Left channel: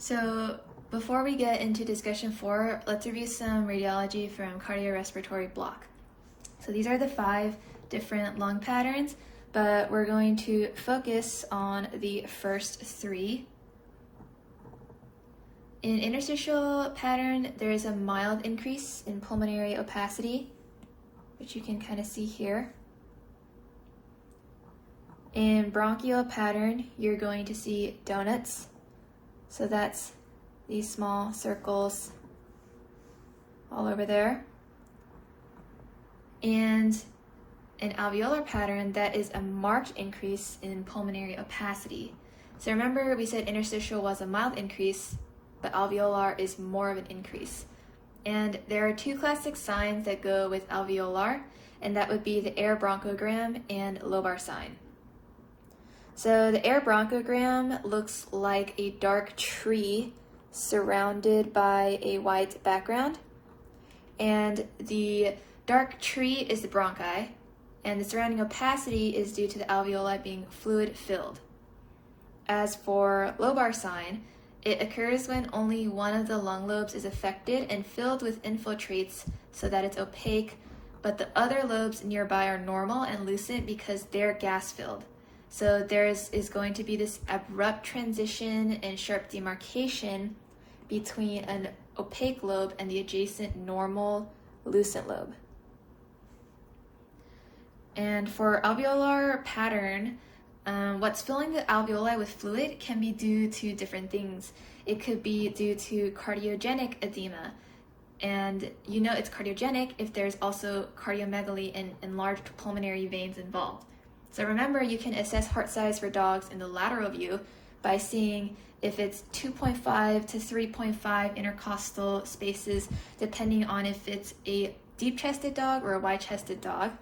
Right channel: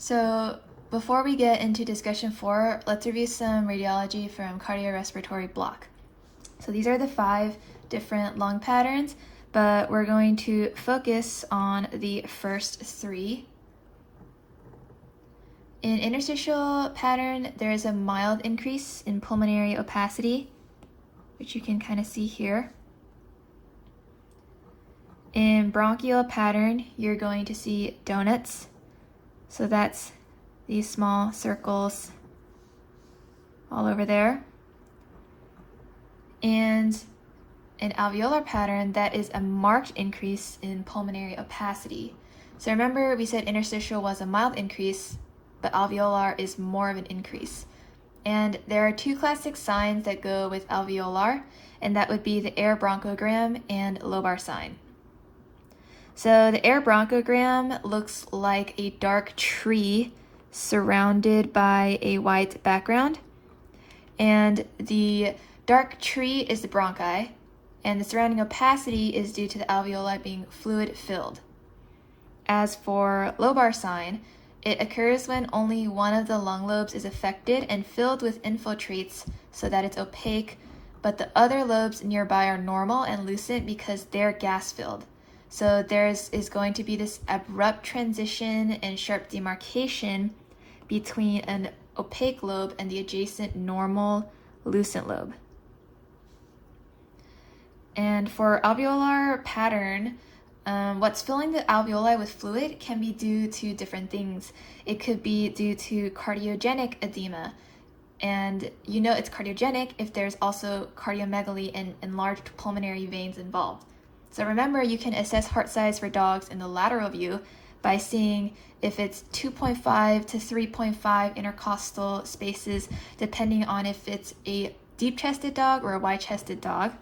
So before we get into discussion 4, let's review some radiology from cardiorespiratory block. So these are the 5 different lung patterns, but we're going to focus on the first 3. In interstitial pattern, there is a mild increase in pulmonary opacity, which you can kind of see here. In bronchial pattern, you're going to see donuts. So that's these small circles all over there. And in alveolar pattern, that is a marked increase in pulmonary opacity. So remember, we said interstitial was a mild increase, but alveolar is more of an increase. And there are 2 classic signs that go with alveolar, and that would be the air bronchogram and lobar sign. So the air bronchogram looks like a dark tree surrounded by a white background. And the dark tree is the bronchi, and the surrounding opacity is due to the alveoli being fluid filled. As for lobar sign, it occurs when only one of the lung lobes is affected and filled with infiltrates so that it's opaque, but the other lobes nearby are normal and lucent because they're gas filled. So there is going to be this abrupt transition and sharp demarcation between an opaque lobe and the adjacent normal lucent lobe. And for alveolar pattern, what's filling the alveoli with fluid can be due to different things. It could be due to cardiogenic edema, and you know it's cardiogenic if there's also cardiomegaly and enlarged pulmonary veins involved. So remember, you can assess heart size for dogs in the lateral view by seeing if it's 2.5 to 3.5 intercostal spaces, depending on if it's a deep-chested dog or a wide-chested dog.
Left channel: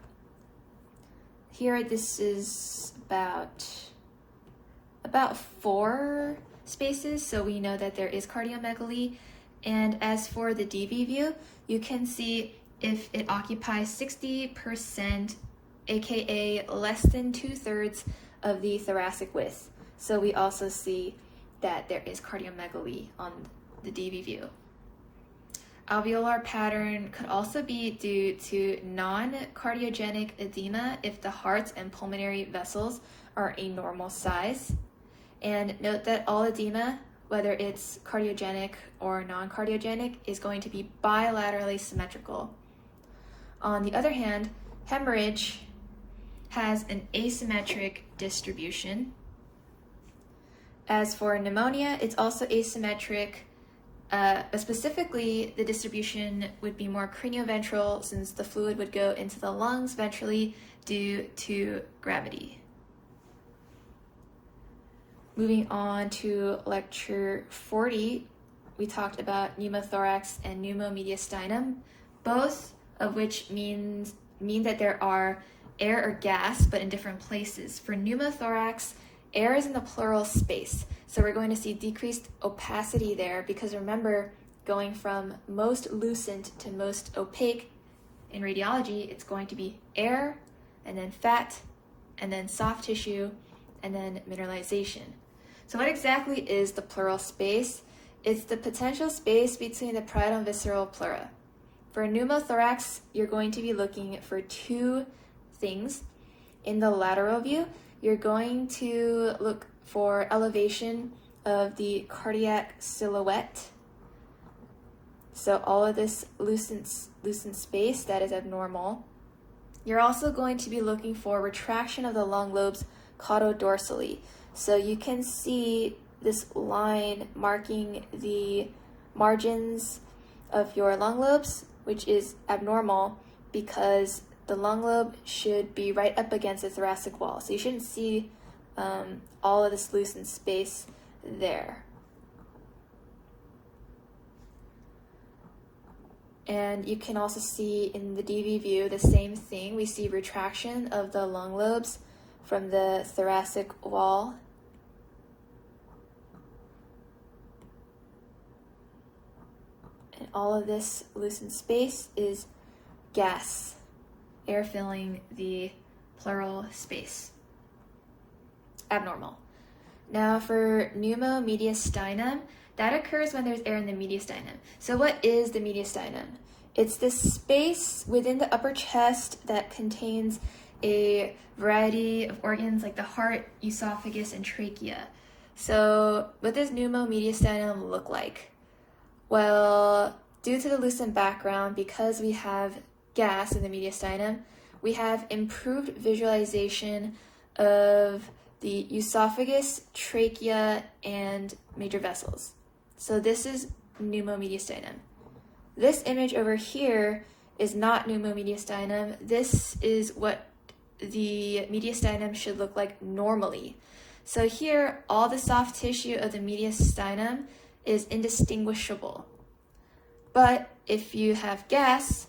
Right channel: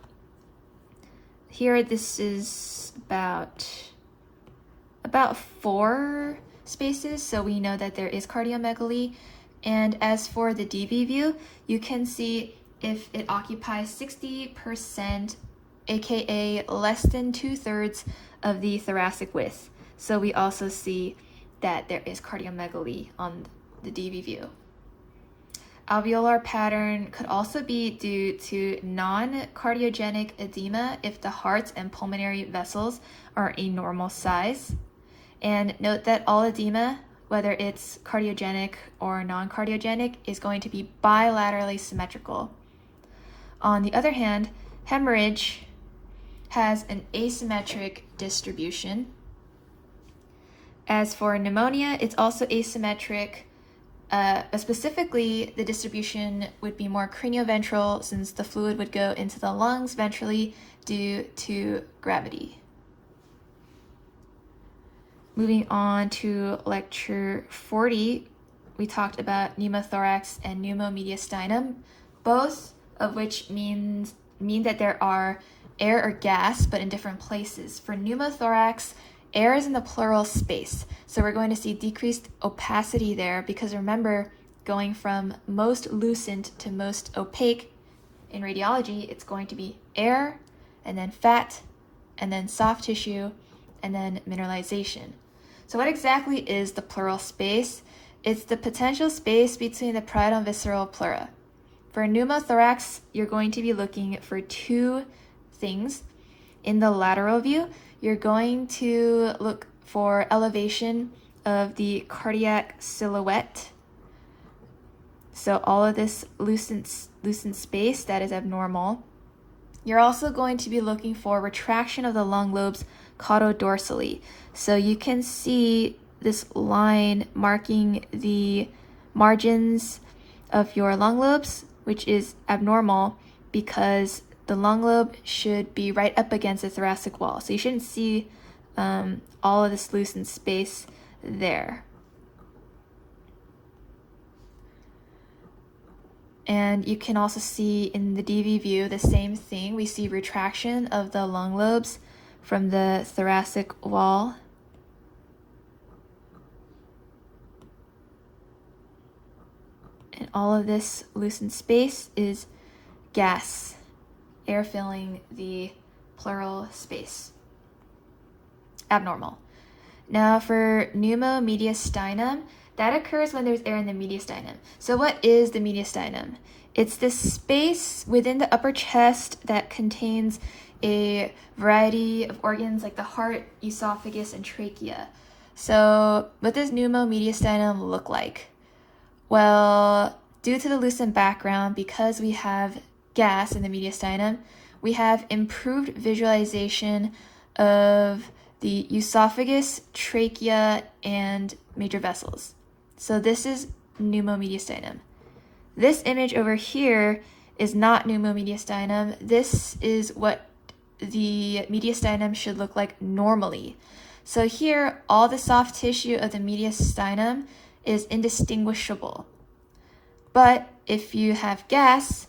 Here, this is about 4 spaces, so we know that there is cardiomegaly. And as for the DB view, you can see if it occupies 60%, aka less than 2/3 of the thoracic width. So we also see that there is cardiomegaly on the DB view. Alveolar pattern could also be due to non-cardiogenic edema if the heart and pulmonary vessels are a normal size. And note that all edema, whether it's cardiogenic or non-cardiogenic, is going to be bilaterally symmetrical. On the other hand, hemorrhage has an asymmetric distribution. As for pneumonia, it's also asymmetric, but specifically the distribution would be more cranioventral since the fluid would go into the lungs ventrally due to gravity. Moving on to lecture 40, we talked about pneumothorax and pneumomediastinum, both of which mean that there are air or gas, but in different places. For pneumothorax, air is in the pleural space, so we're going to see decreased opacity there because remember, going from most lucent to most opaque in radiology, it's going to be air, and then fat, and then soft tissue, and then mineralization. So what exactly is the pleural space? It's the potential space between the parietal and visceral pleura. For pneumothorax, you're going to be looking for 2 things. In the lateral view, you're going to look for elevation of the cardiac silhouette. So all of this lucent space that is abnormal. You're also going to be looking for retraction of the lung lobes caudodorsally. So you can see this line marking the margins of your lung lobes, which is abnormal because the lung lobe should be right up against the thoracic wall. So you shouldn't see all of this lucent space there. And you can also see in the DV view the same thing. We see retraction of the lung lobes from the thoracic wall. And all of this lucent space is gas, air filling the pleural space. Abnormal. Now for pneumomediastinum, That occurs when there's air in the mediastinum. So what is the mediastinum? It's this space within the upper chest that contains a variety of organs like the heart, esophagus, and trachea. So what does pneumomediastinum look like? Well, due to the lucent background, because we have gas in the mediastinum, we have improved visualization of the esophagus, trachea, and major vessels. So this is pneumomediastinum. This image over here is not pneumomediastinum. This is what the mediastinum should look like normally. So here, all the soft tissue of the mediastinum is indistinguishable. But if you have gas,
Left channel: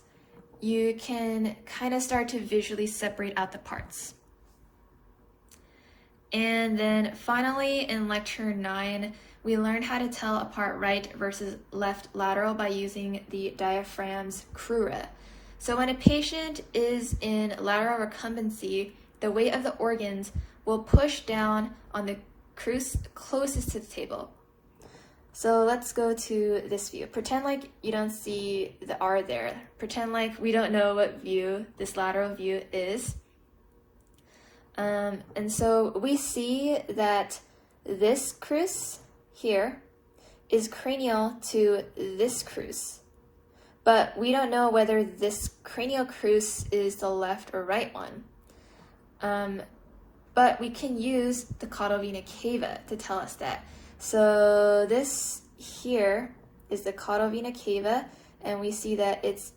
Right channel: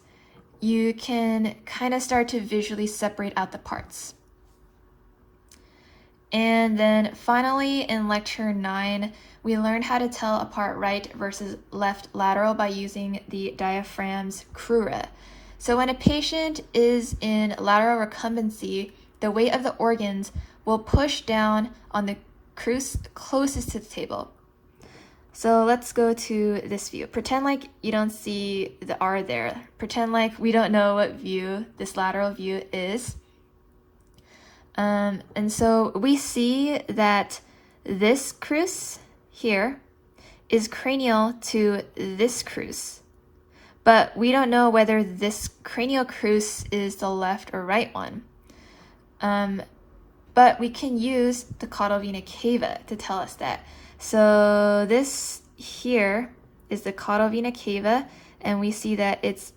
you can kind of start to visually separate out the parts. And then finally, in lecture 9, we learned how to tell apart right versus left lateral by using the diaphragm's crura. So when a patient is in lateral recumbency, the weight of the organs will push down on the crus closest to the table. So let's go to this view. Pretend like you don't see the R there. Pretend like we don't know what view this lateral view is. And so we see that this crus here is cranial to this crus, but we don't know whether this cranial crus is the left or right one. But we can use the caudal vena cava to tell us that. So this here is the caudal vena cava, and we see that it's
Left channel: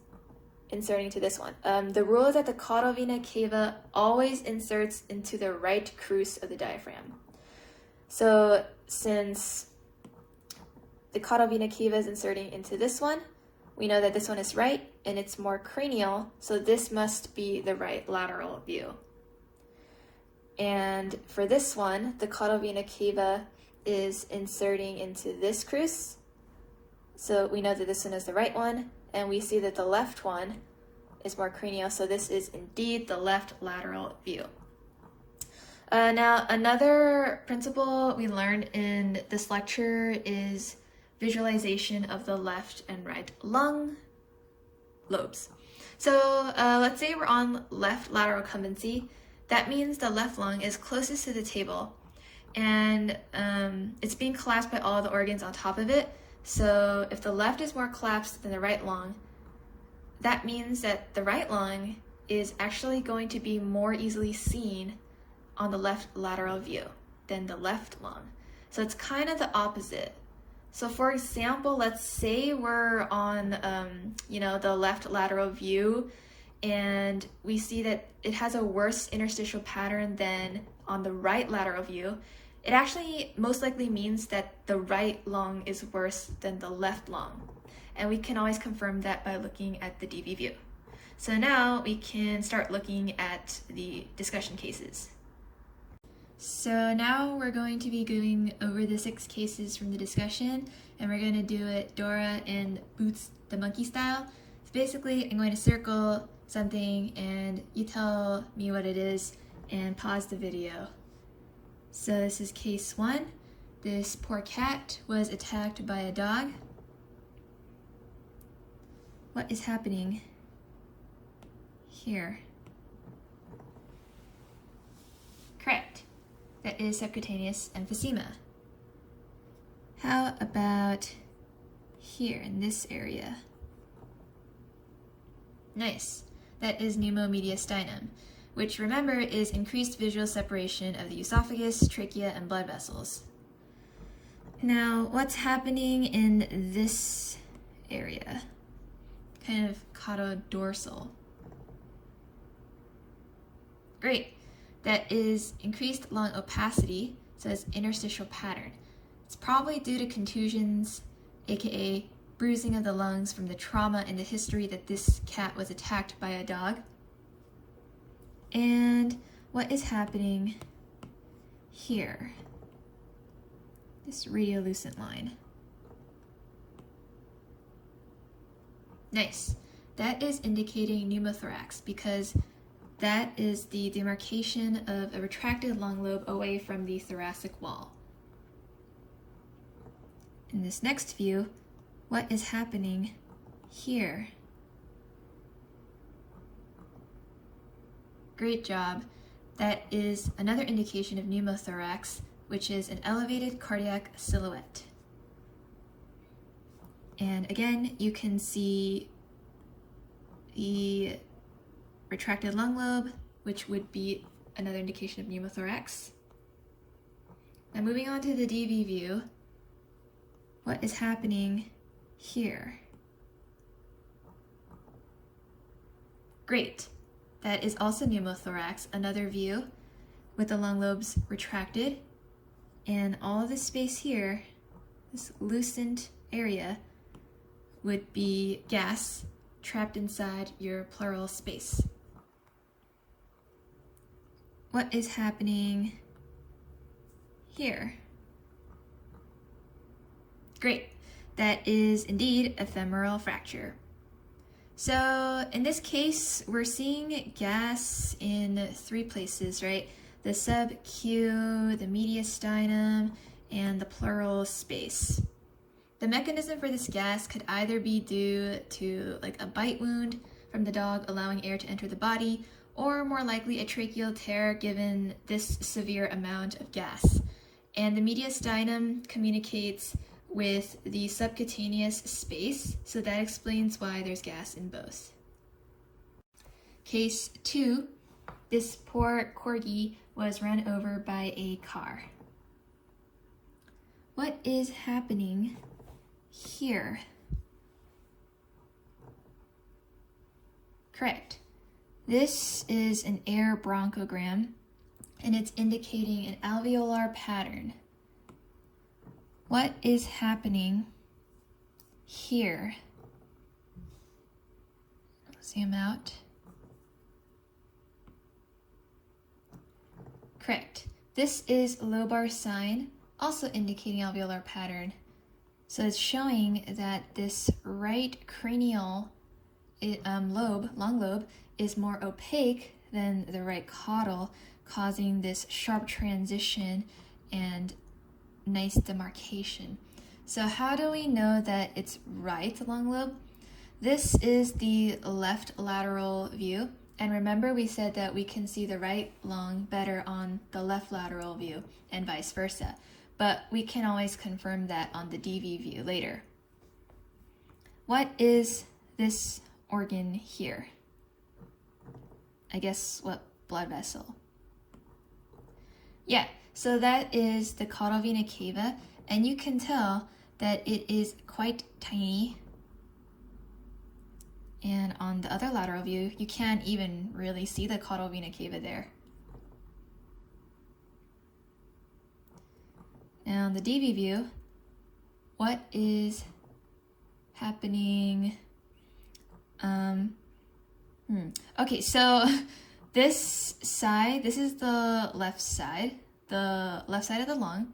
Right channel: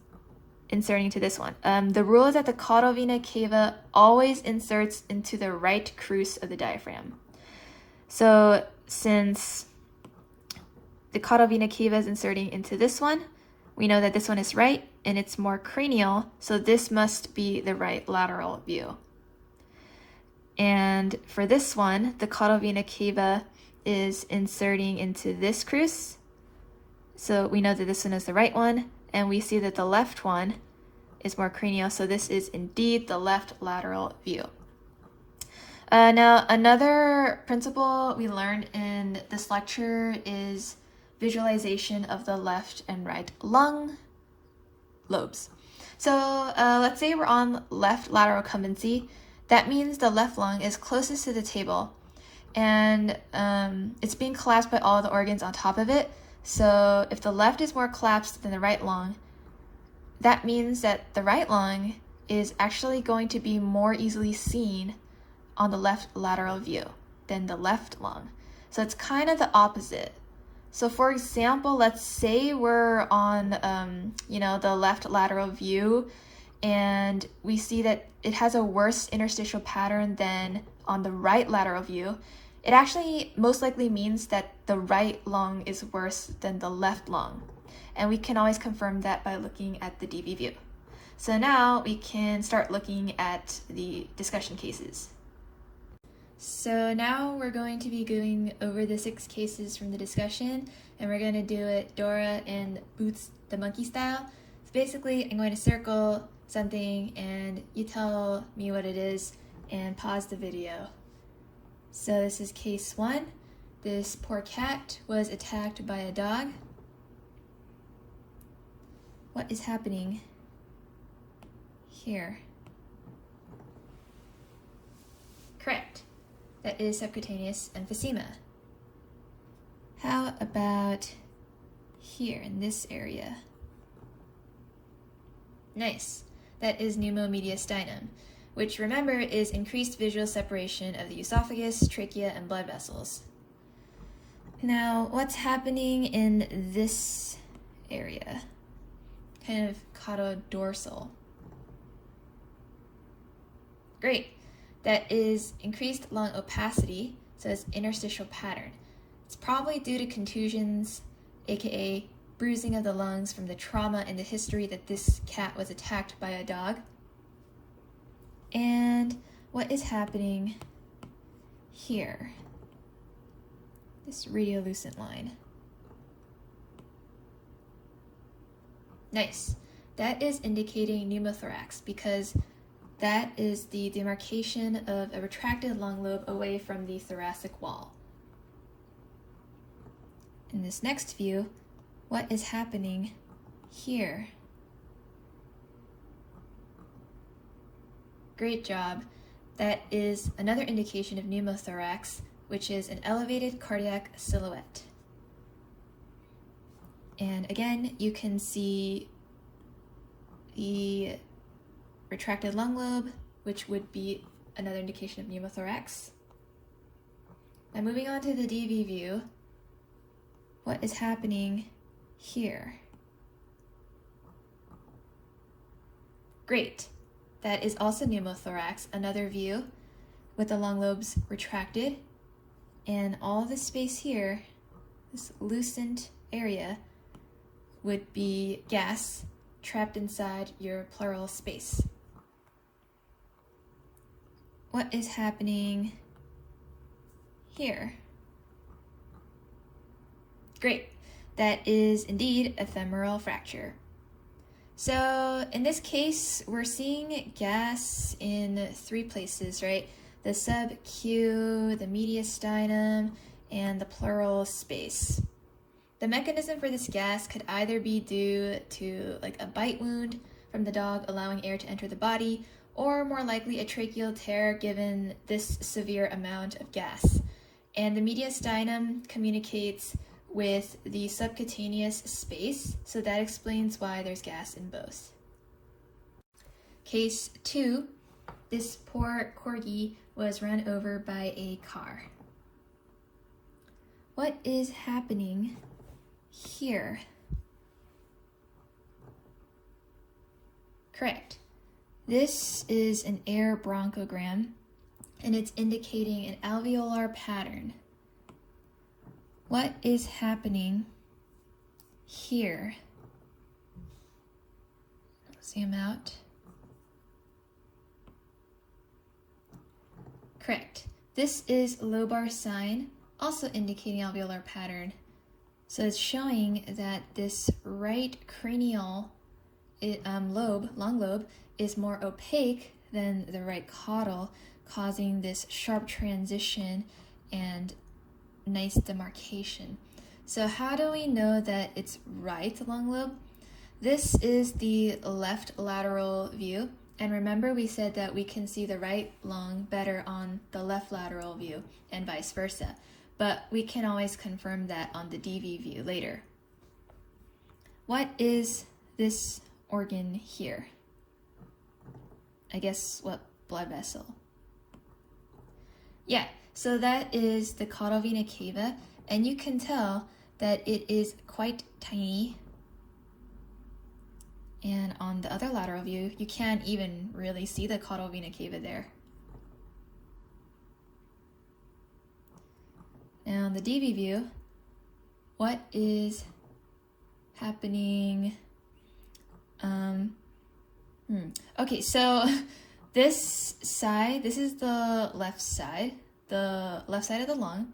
inserting to this one. The rule is that the caudal vena cava always inserts into the right crus of the diaphragm. So since the caudal vena cava is inserting into this one, we know that this one is right and it's more cranial, so this must be the right lateral view. And for this one, the caudal vena cava is inserting into this crus, so we know that this one is the right one, and we see that the left one is more cranial, so this is indeed the left lateral view. Now, another principle we learned in this lecture is visualization of the left and right lung lobes. So let's say we're on left lateral recumbency. That means the left lung is closest to the table, and it's being collapsed by all the organs on top of it. So if the left is more collapsed than the right lung, that means that the right lung is actually going to be more easily seen on the left lateral view than the left lung. So it's kind of the opposite. So for example, let's say we're on the left lateral view, and we see that it has a worse interstitial pattern than on the right lateral view. It actually most likely means that the right lung is worse than the left lung. And we can always confirm that by looking at the DV view. So now we can start looking at the discussion cases. So now we're going to be going over the 6 cases from the discussion, and we're going to do it Dora and Boots the Monkey style. So basically, I'm going to circle something and you tell me what it is and pause the video. So this is case 1. This poor cat was attacked by a dog. What is happening here? Correct. That is subcutaneous emphysema. How about here in this area? Nice. That is pneumomediastinum, which remember is increased visual separation of the esophagus, trachea, and blood vessels. Now, what's happening in this area? Kind of caudodorsal. Great. That is increased lung opacity, so it's interstitial pattern. It's probably due to contusions, aka bruising of the lungs from the trauma and the history that this cat was attacked by a dog. And what is happening here? This radiolucent line. Nice. That is indicating pneumothorax because that is the demarcation of a retracted lung lobe away from the thoracic wall. in this next view, what is happening here? Great job. That is another indication of pneumothorax, which is an elevated cardiac silhouette. And again, you can see the retracted lung lobe, which would be another indication of pneumothorax. Now moving on to the DV view, what is happening here? Great. That is also pneumothorax, another view with the lung lobes retracted, and all of this space here, this loosened area, would be gas trapped inside your pleural space. What is happening here? Great. That is indeed ephemeral fracture. So in this case, we're seeing gas in 3 places, right? The sub-Q, the mediastinum, and the pleural space. The mechanism for this gas could either be due to like a bite wound from the dog allowing air to enter the body, or more likely a tracheal tear given this severe amount of gas. And the mediastinum communicates with the subcutaneous space, so that explains why there's gas in both. Case 2, this poor corgi was run over by a car. What is happening here? Correct. This is an air bronchogram, and it's indicating an alveolar pattern. What is happening here? Zoom out. Correct. This is lobar sign, also indicating alveolar pattern. So it's showing that this right cranial lobe, long lobe, is more opaque than the right caudal, causing this sharp transition and nice demarcation. So how do we know that it's right long lobe? This is the left lateral view. And remember we said that we can see the right lung better on the left lateral view and vice versa. But we can always confirm that on the DV view later. What is this organ here? I guess what blood vessel? Yeah, so that is the caudal vena cava, and you can tell that it is quite tiny. And on the other lateral view, you can't even really see the caudal vena cava there. Now on the DV view, what is happening? Okay, so this side, this is the left side of the lung,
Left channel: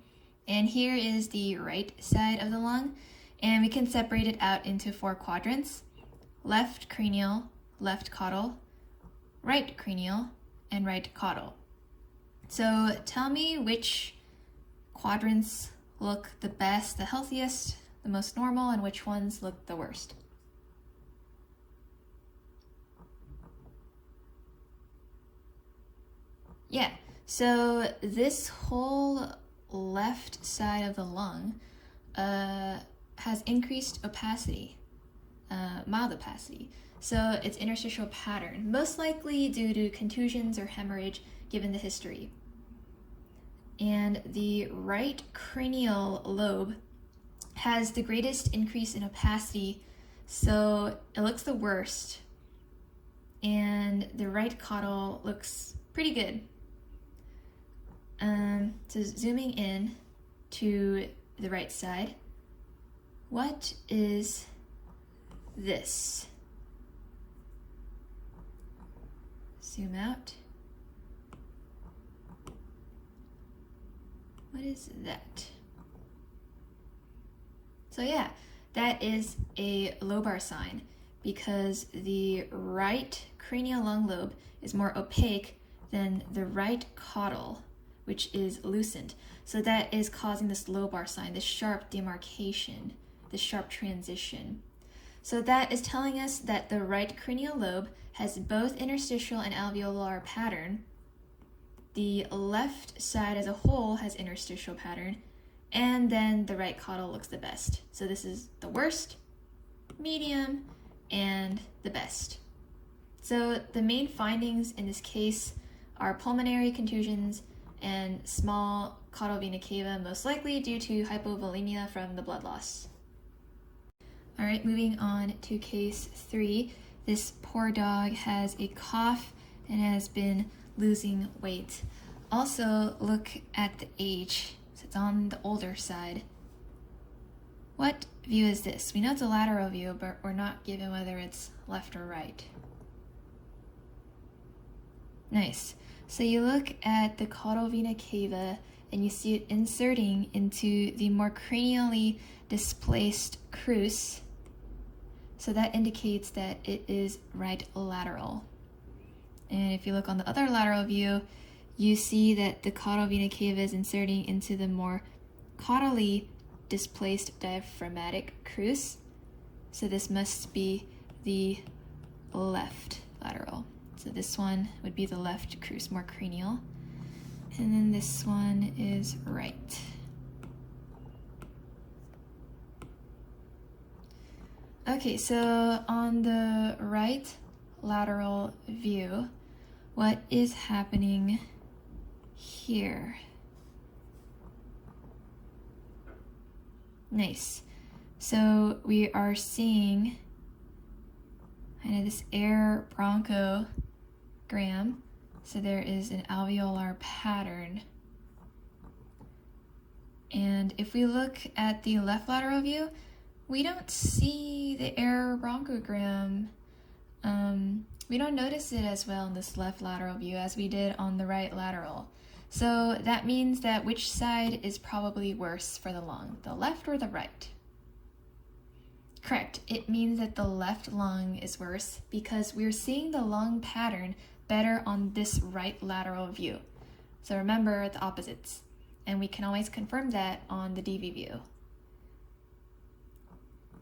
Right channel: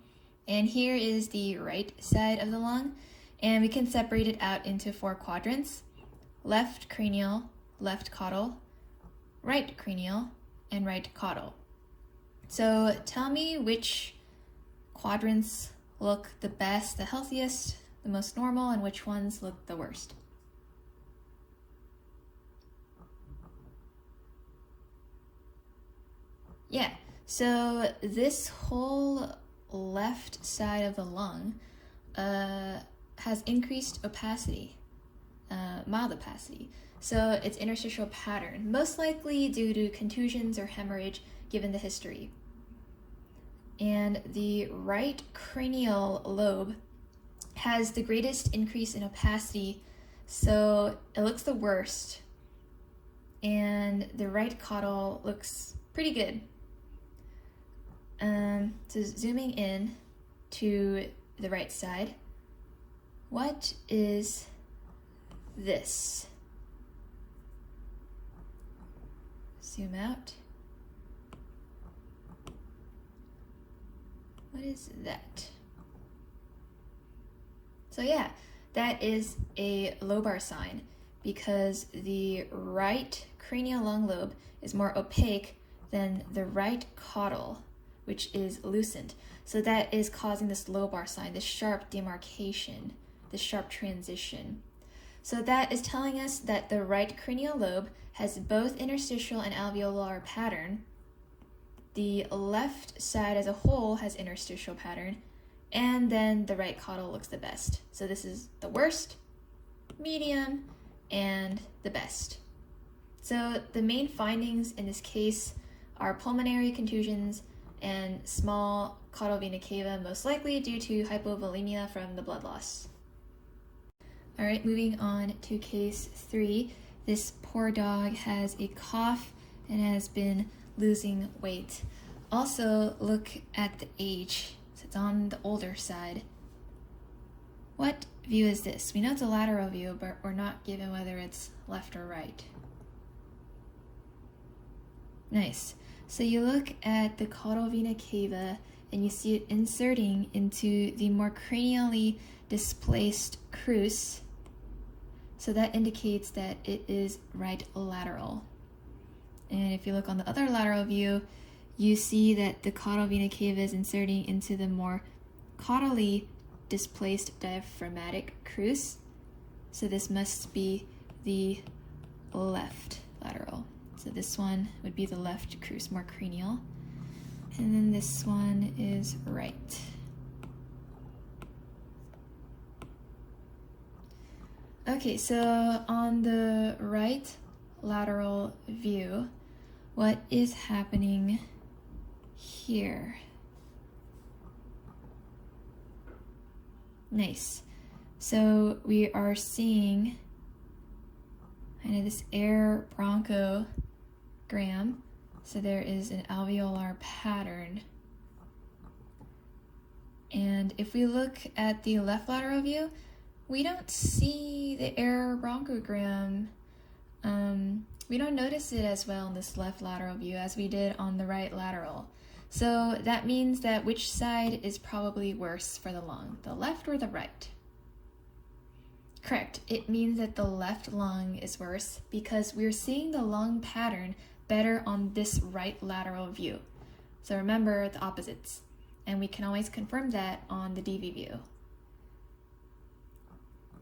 and here is the right side of the lung, and we can separate it out into 4 quadrants: left cranial, left caudal, right cranial, and right caudal. So tell me which quadrants look the best, the healthiest, the most normal, and which ones look the worst. Yeah, so this whole left side of the lung has increased opacity, mild opacity. So it's interstitial pattern, most likely due to contusions or hemorrhage given the history. And the right cranial lobe has the greatest increase in opacity, so it looks the worst. And the right caudal looks pretty good. So zooming in to the right side, what is this? Zoom out. What is that? So yeah, that is a lobar sign because the right cranial lung lobe is more opaque than the right caudal, which is loosened. So that is causing this lobar sign, this sharp demarcation, this sharp transition. So that is telling us that the right cranial lobe has both interstitial and alveolar pattern. The left side as a whole has interstitial pattern, and then the right caudal looks the best. So this is the worst, medium, and the best. So the main findings in this case are pulmonary contusions and small caudal vena cava, most likely due to hypovolemia from the blood loss. All right, moving on to case 3. This poor dog has a cough and has been losing weight. Also, look at the age. So it's on the older side. What view is this? We know it's a lateral view, but we're not given whether it's left or right. Nice. So you look at the caudal vena cava and you see it inserting into the more cranially displaced crus. So that indicates that it is right lateral. And if you look on the other lateral view, you see that the caudal vena cava is inserting into the more caudally displaced diaphragmatic crus. So this must be the left lateral. So this one would be the left crus, more cranial. And then this one is right. Okay, so on the right lateral view, what is happening here? Nice. So we are seeing kind of this air bronchogram. So there is an alveolar pattern. And if we look at the left lateral view, we don't see the air bronchogram. We don't notice it as well in this left lateral view as we did on the right lateral. So that means that which side is probably worse for the lung, the left or the right? Correct. It means that the left lung is worse because we're seeing the lung pattern better on this right lateral view. So remember the opposites, and we can always confirm that on the DV view.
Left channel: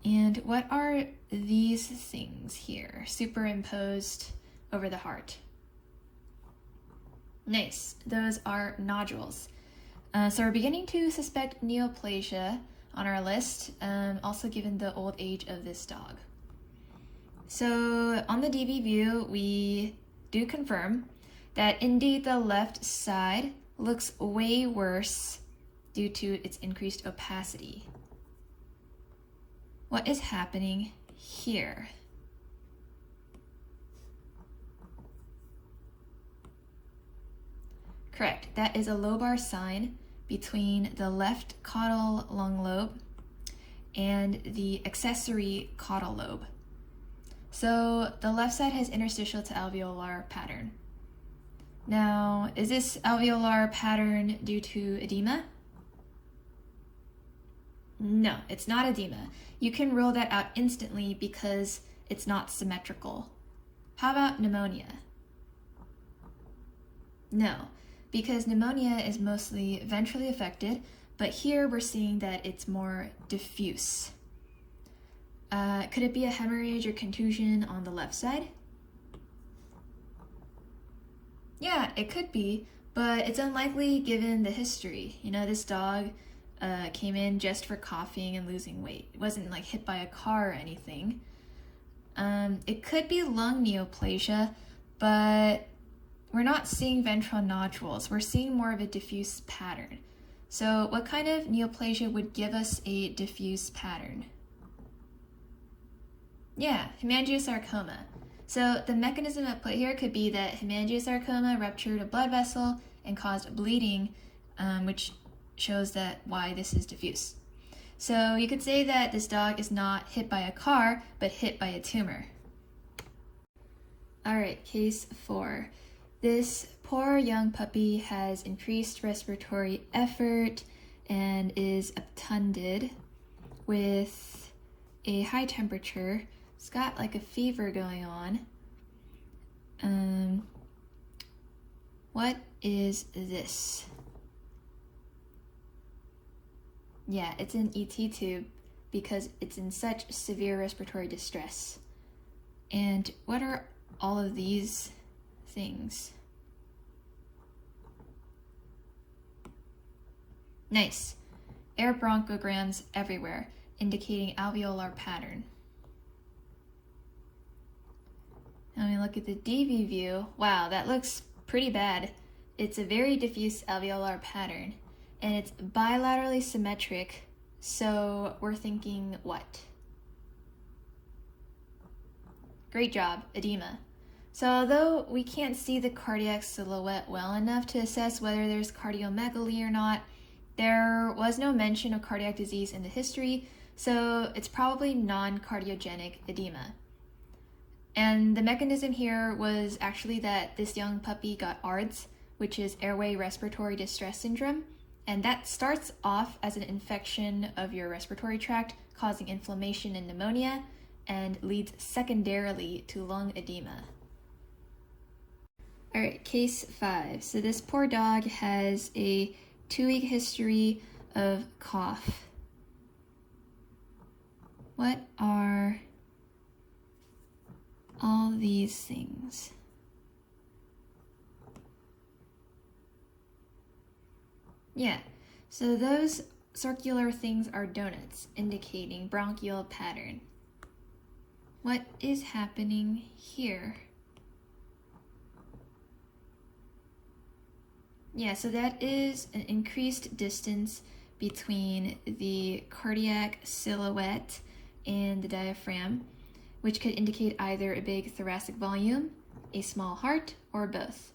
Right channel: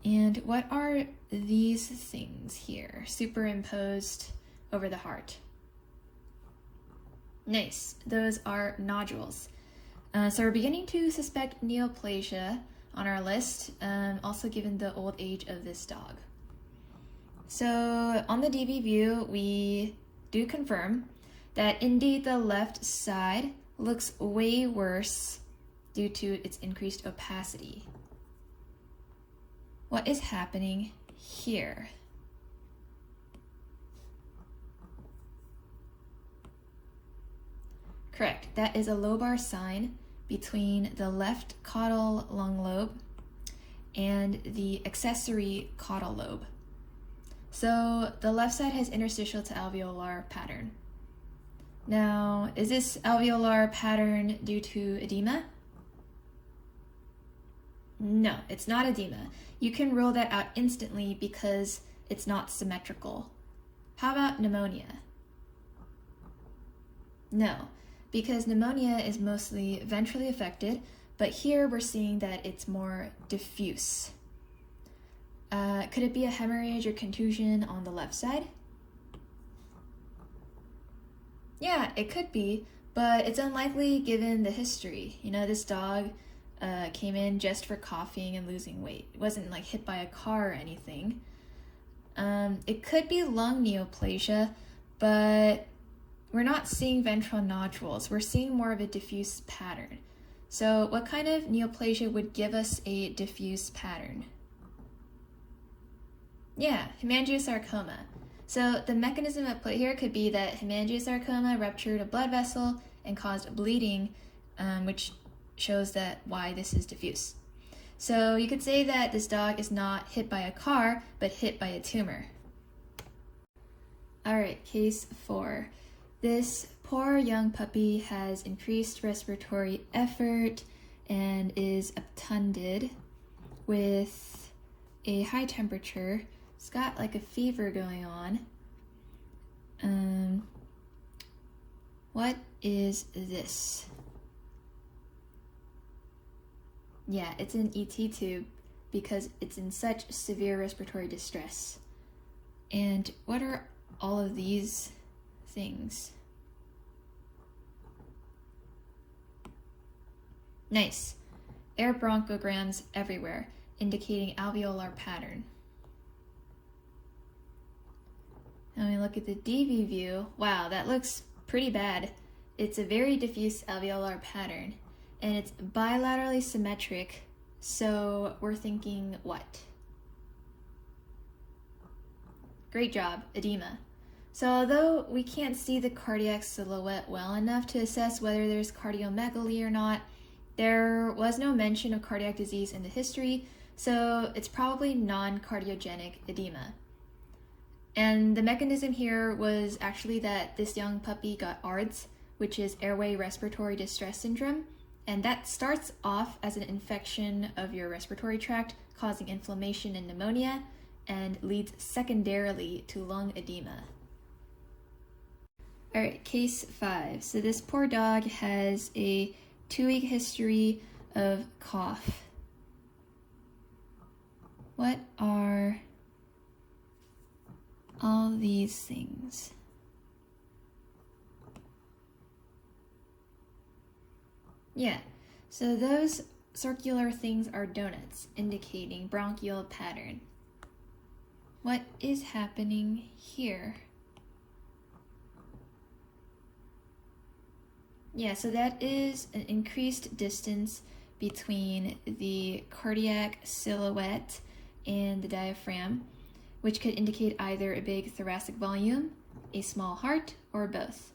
And what are these things here superimposed over the heart? Nice, those are nodules. So we're beginning to suspect neoplasia on our list, also given the old age of this dog. So on the DV view, we do confirm that indeed the left side looks way worse due to its increased opacity. What is happening here? Correct, that is a lobar sign between the left caudal lung lobe and the accessory caudal lobe. So the left side has interstitial to alveolar pattern. Now, is this alveolar pattern due to edema? No, it's not edema. You can rule that out instantly because it's not symmetrical. How about pneumonia? No, because pneumonia is mostly ventrally affected, but here we're seeing that it's more diffuse. Could it be a hemorrhage or contusion on the left side? Yeah, it could be, but it's unlikely given the history. You know, this dog came in just for coughing and losing weight. It wasn't like hit by a car or anything. It could be lung neoplasia, but we're not seeing ventral nodules. We're seeing more of a diffuse pattern. So what kind of neoplasia would give us a diffuse pattern? Yeah, hemangiosarcoma. So the mechanism at play here could be that hemangiosarcoma ruptured a blood vessel and caused bleeding, which shows that why this is diffuse. So you could say that this dog is not hit by a car, but hit by a tumor. All right, case 4. This poor young puppy has increased respiratory effort and is obtunded with a high temperature. It's got like a fever going on. What is this? Yeah, it's an ET tube because it's in such severe respiratory distress. And what are all of these things? Nice. Air bronchograms everywhere, indicating alveolar pattern. Now we look at the DV view. Wow, that looks pretty bad. It's a very diffuse alveolar pattern, and it's bilaterally symmetric, so we're thinking what? Great job, edema. So although we can't see the cardiac silhouette well enough to assess whether there's cardiomegaly or not, there was no mention of cardiac disease in the history, so it's probably non-cardiogenic edema. And the mechanism here was actually that this young puppy got ARDS, which is airway respiratory distress syndrome, and that starts off as an infection of your respiratory tract causing inflammation and pneumonia, and leads secondarily to lung edema. All right, case 5. So this poor dog has a 2-week history of cough. What are all these things? Yeah, so those circular things are donuts, indicating bronchial pattern. What is happening here? Yeah, so that is an increased distance between the cardiac silhouette and the diaphragm, which could indicate either a big thoracic volume, a small heart, or both.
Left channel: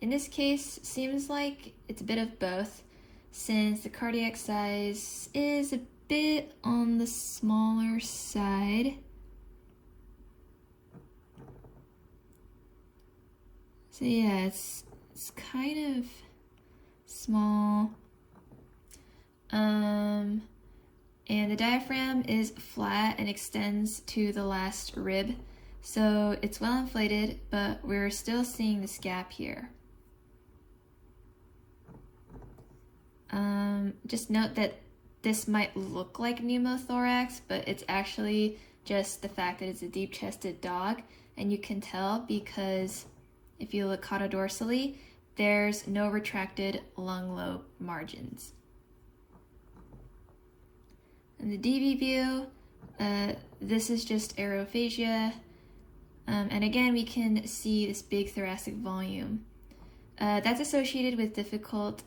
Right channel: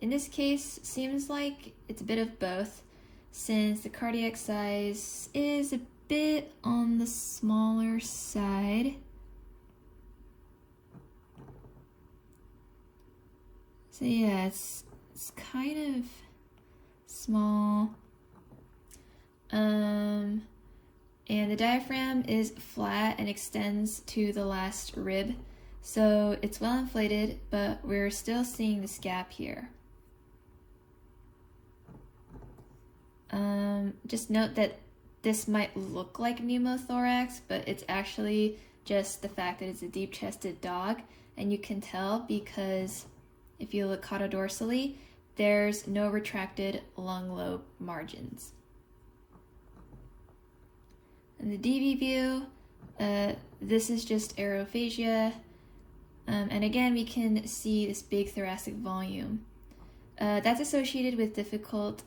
In this case, seems like it's a bit of both, since the cardiac size is a bit on the smaller side. So yeah, it's kind of small. And the diaphragm is flat and extends to the last rib, so it's well inflated, but we're still seeing this gap here. Just note that this might look like pneumothorax, but it's actually just the fact that it's a deep-chested dog, and you can tell because if you look caudodorsally, there's no retracted lung lobe margins. In the DV view, this is just aerophagia, and again we can see this big thoracic volume. That's associated with difficult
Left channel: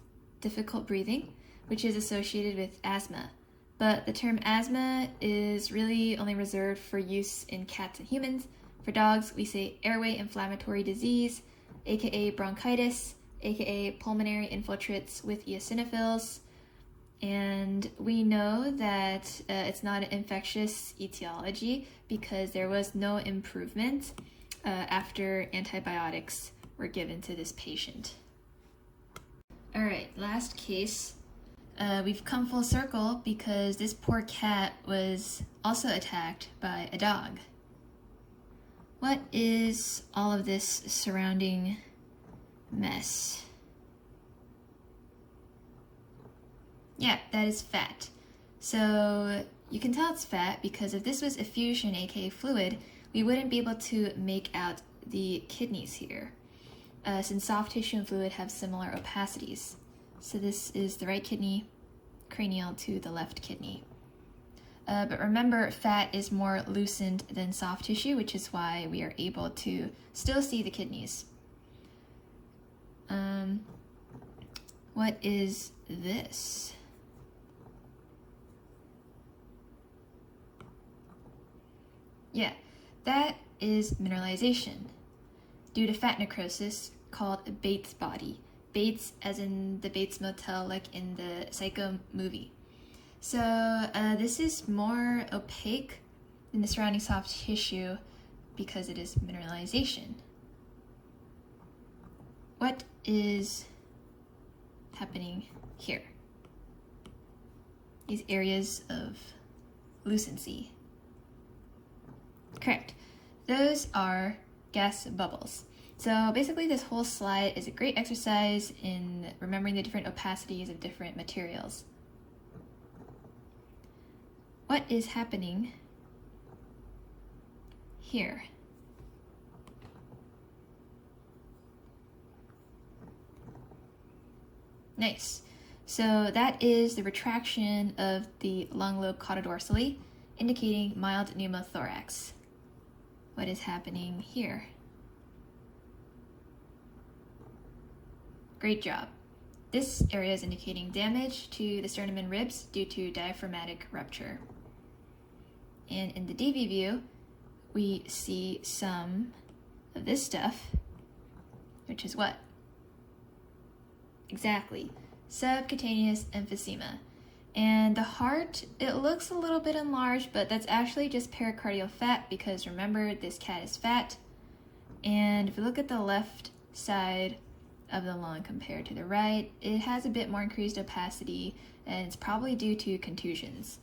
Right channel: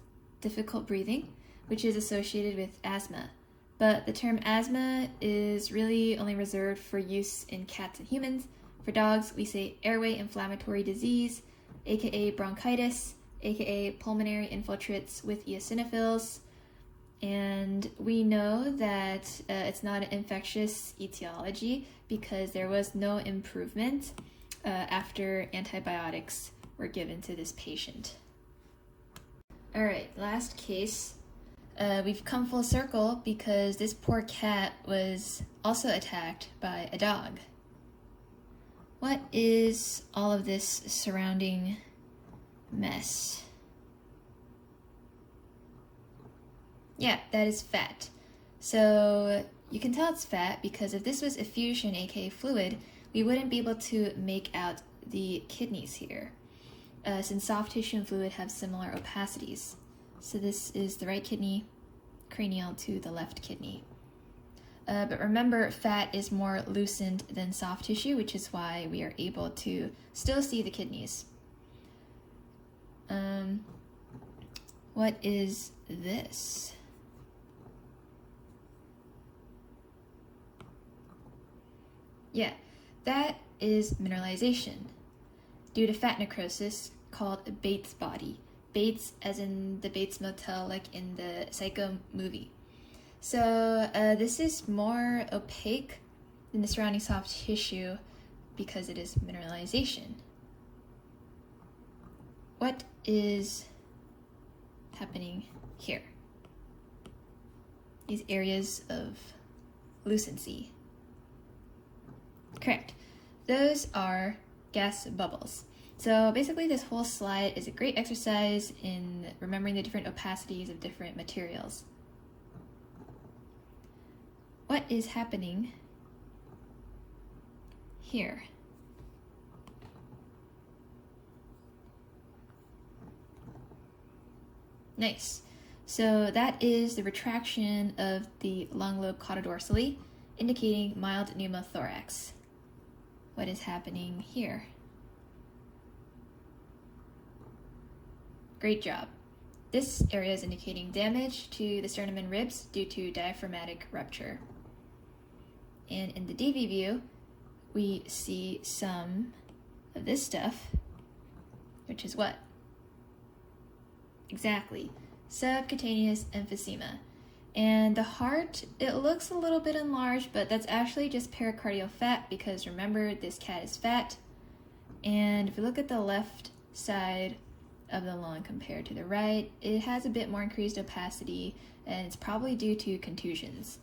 breathing, which is associated with asthma. But the term asthma is really only reserved for use in cats and humans. For dogs, we say airway inflammatory disease, aka bronchitis, aka pulmonary infiltrates with eosinophils. And we know that it's not an infectious etiology because there was no improvement after antibiotics were given to this patient. All right, last case. We've come full circle because this poor cat was also attacked by a dog. What is all of this surrounding mess? Yeah, that is fat. So you can tell it's fat because if this was effusion, aka fluid, we wouldn't be able to make out the kidneys here, since soft tissue and fluid have similar opacities. So this is the right kidney, cranial to the left kidney. But remember, fat is more loosened than soft tissue, which is why we are able to still see the kidneys. What is this? Yeah, that is mineralization due to fat necrosis called a Bates body. Bates as in the Bates Motel, like in the Psycho movie. So this is more opaque than the surrounding soft tissue because it is mineralization. What is happening here? These areas of lucency. Correct. Those are gas bubbles. So basically this whole slide is a great exercise in remembering the different opacities of different materials. what is happening here? Nice. So that is the retraction of the lung lobe caudodorsally, indicating mild pneumothorax. What is happening here? Great job. This area is indicating damage to the sternum and ribs due to diaphragmatic rupture. And in the DV view, we see some of this stuff, which is what? Exactly, subcutaneous emphysema. And the heart, it looks a little bit enlarged, but that's actually just pericardial fat because remember, this cat is fat. And if you look at the left side of the lung compared to the right, it has a bit more increased opacity, and it's probably due to contusions.